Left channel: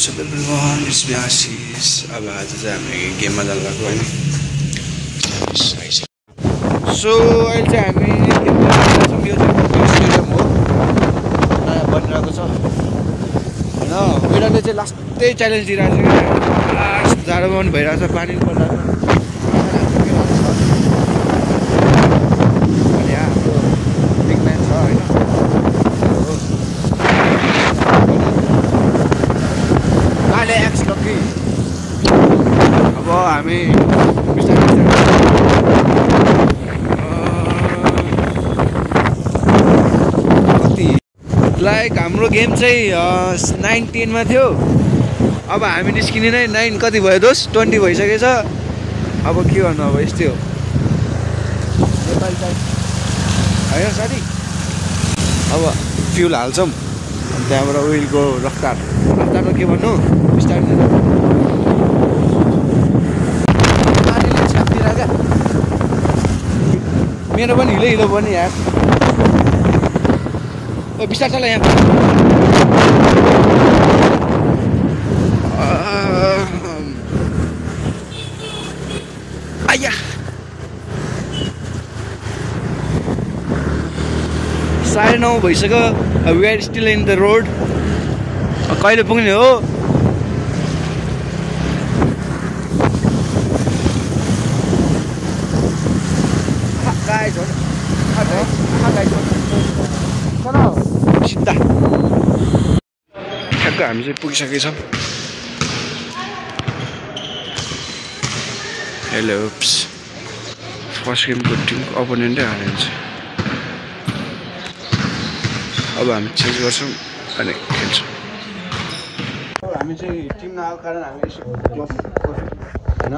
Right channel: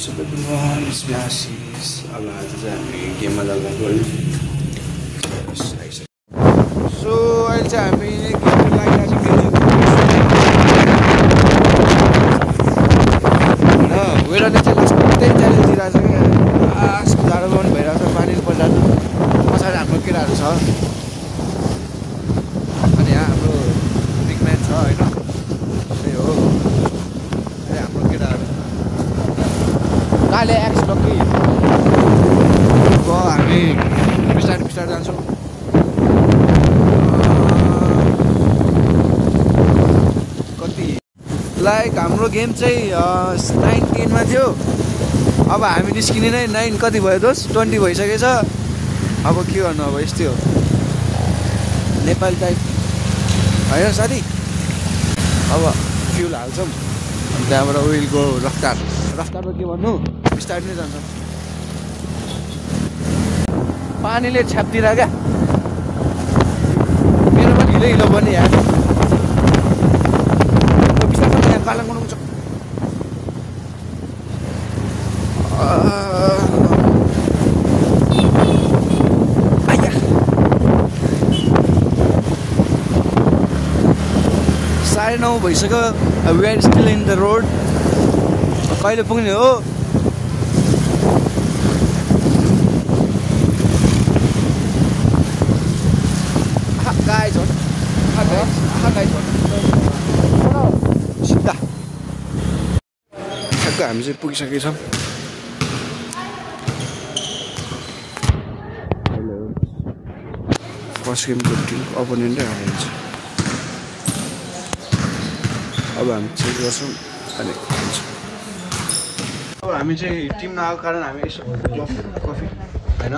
What's up everyone, it's me Ashish. अब आज चाहिँ हामी गेममा जाँदा गयो नि सो अहिले चाहिँ हामी वेदरले चाहिँ लास्टै च्यालेन्ज दिइरहेको छ क्या जाडो पनि भइरहेको छ पानी परिरहेको छ हाम्रो केटाहरू छ अनि यहाँ हाम्रो बिग म्यान छ होइन काले एक्स लकी अब हामी बिस्तारै कति लाइक हाम्रो गेम चाहिँ 19 मा थियो अब हामी निस्किने नै 9 कति भयो दोस 20 भइसकेछ अब के गर्नु अब यस्तै हो नेपाल टाइप होइन साथी अब फ्युल हाल्छौँ अनि त्यहाँबाट विलको रफ्तारमा के भन्नु बिस्तारै जान्छ पानीले छाप्तिर क्या मेरो पनि हिलो पनि यार बिस्तारै चला यहाँ आया 9:30 भइसक्यो we are still in the road कहिले पुग्ने हो सिधा ठ्याक्क हामी चाहिँ पुगिसकेछौँ हेलो फर्स्ट गेमको टिमको अपोनेन्टै हारिन्छ अब हामी चेन्ज गर्छौँ अनि खेल्छौँ अब हामी चाहिँ टिम नआएको कारण हामी यसो कफी होइन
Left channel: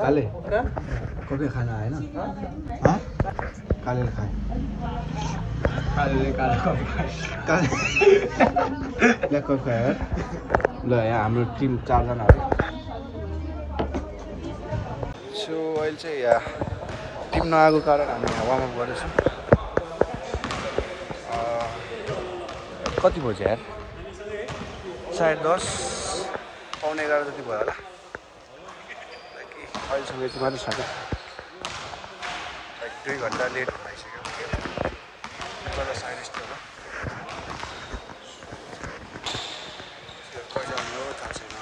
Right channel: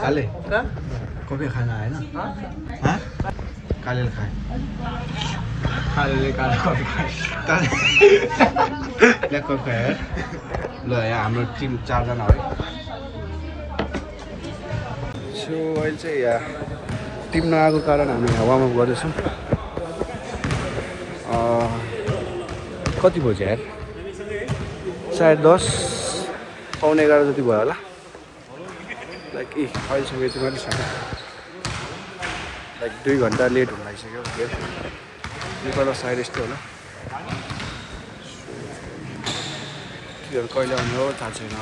काले कफी खाना होइन काले खाए यहाँ कफी खायो ल यहाँ हाम्रो टिम 4 जना है सो अहिले चाहिँ यहाँ टिम नआएको कारण हामी यहाँ वार्मअप गर्दैछौँ कति बज्यो यार 10:30 पौने 11 जति भयो होला लाइक अहिलेसम्म यति मात्रै छ लाइक 2 घन्टा लेट हुन लागिसक्यो गेम नेपालमा सायद यस्तै होला तिनीहरू कहिले आउने हो थाहा छैन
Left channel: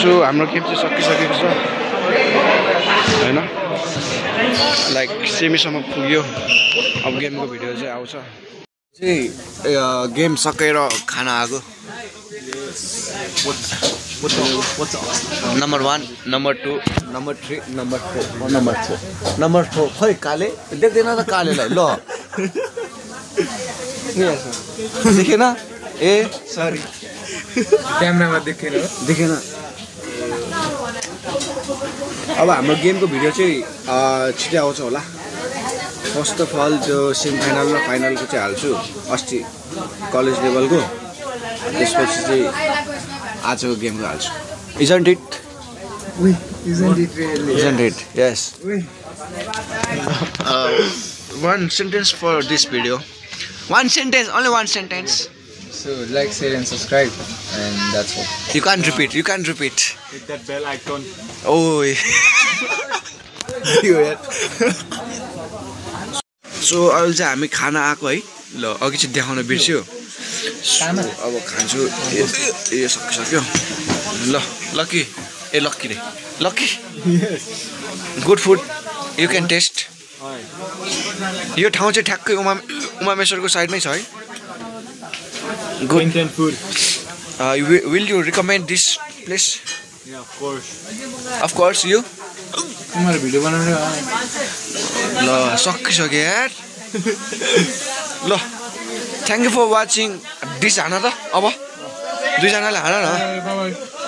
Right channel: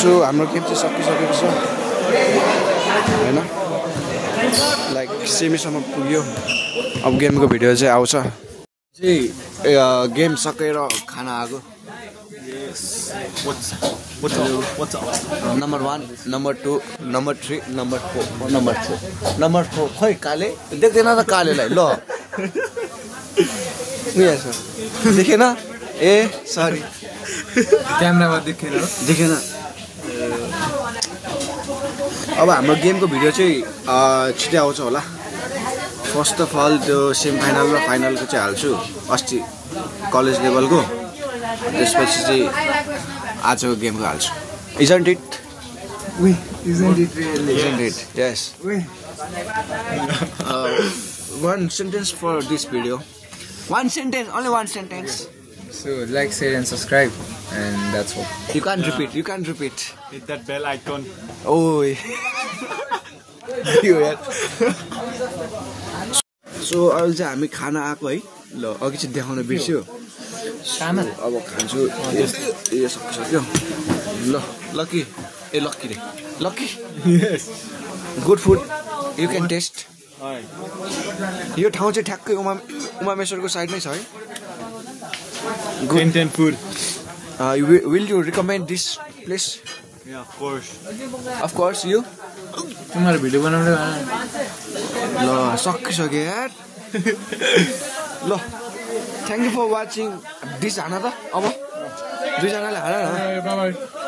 सो हाम्रो गेम चाहिँ सकिसकेको छ होइन लाइक सेमीसम्म पुग्यो अब गेमको भिडियो चाहिँ आउँछ चाहिँ गेम सकेर खाना आएको नम्बर 1 नम्बर 2 नम्बर 3 नम्बर 4 खै काले देख्दैन त कालेलाई ल देखेन ए सरी क्यामेरामा देखेन अब हाम्रो गेमको भिडियो चाहिँ छिटै आउँछ होला फर्स्ट अफ अल त्यो सेमी फाइनल र फाइनलको चाहिँ हाल्छु अस्ति कलेज लेभलको त्यसपछि चाहिँ आजको गेमको हाल्छु Isn't it? Isn't it really? Isn't it? Yes. One sentence for this video. One sentence, only one sentence. So like, share and subscribe, and that's all. You can't repeat. You can't repeat. Hit that bell icon. Oh. You यार. So अहिले चाहिँ हामी खाना आएको है ल अघि चाहिँ देखाउन बिर्स्यो अब खान्छु ए सकिसक्यो ल लकी रे lucky good food you can taste यो ठाउँ चाहिँ ठ्याक्कै उमामेश्वरको साइडमै छ है Indian food. Will you recommend this place Yeah, of course. Of course you तिमीहरु भिडियो बनाउने ल सकिसक्यो यार ल thank you for watching this हान त अब दुईजनाले हान न बाइ बाइ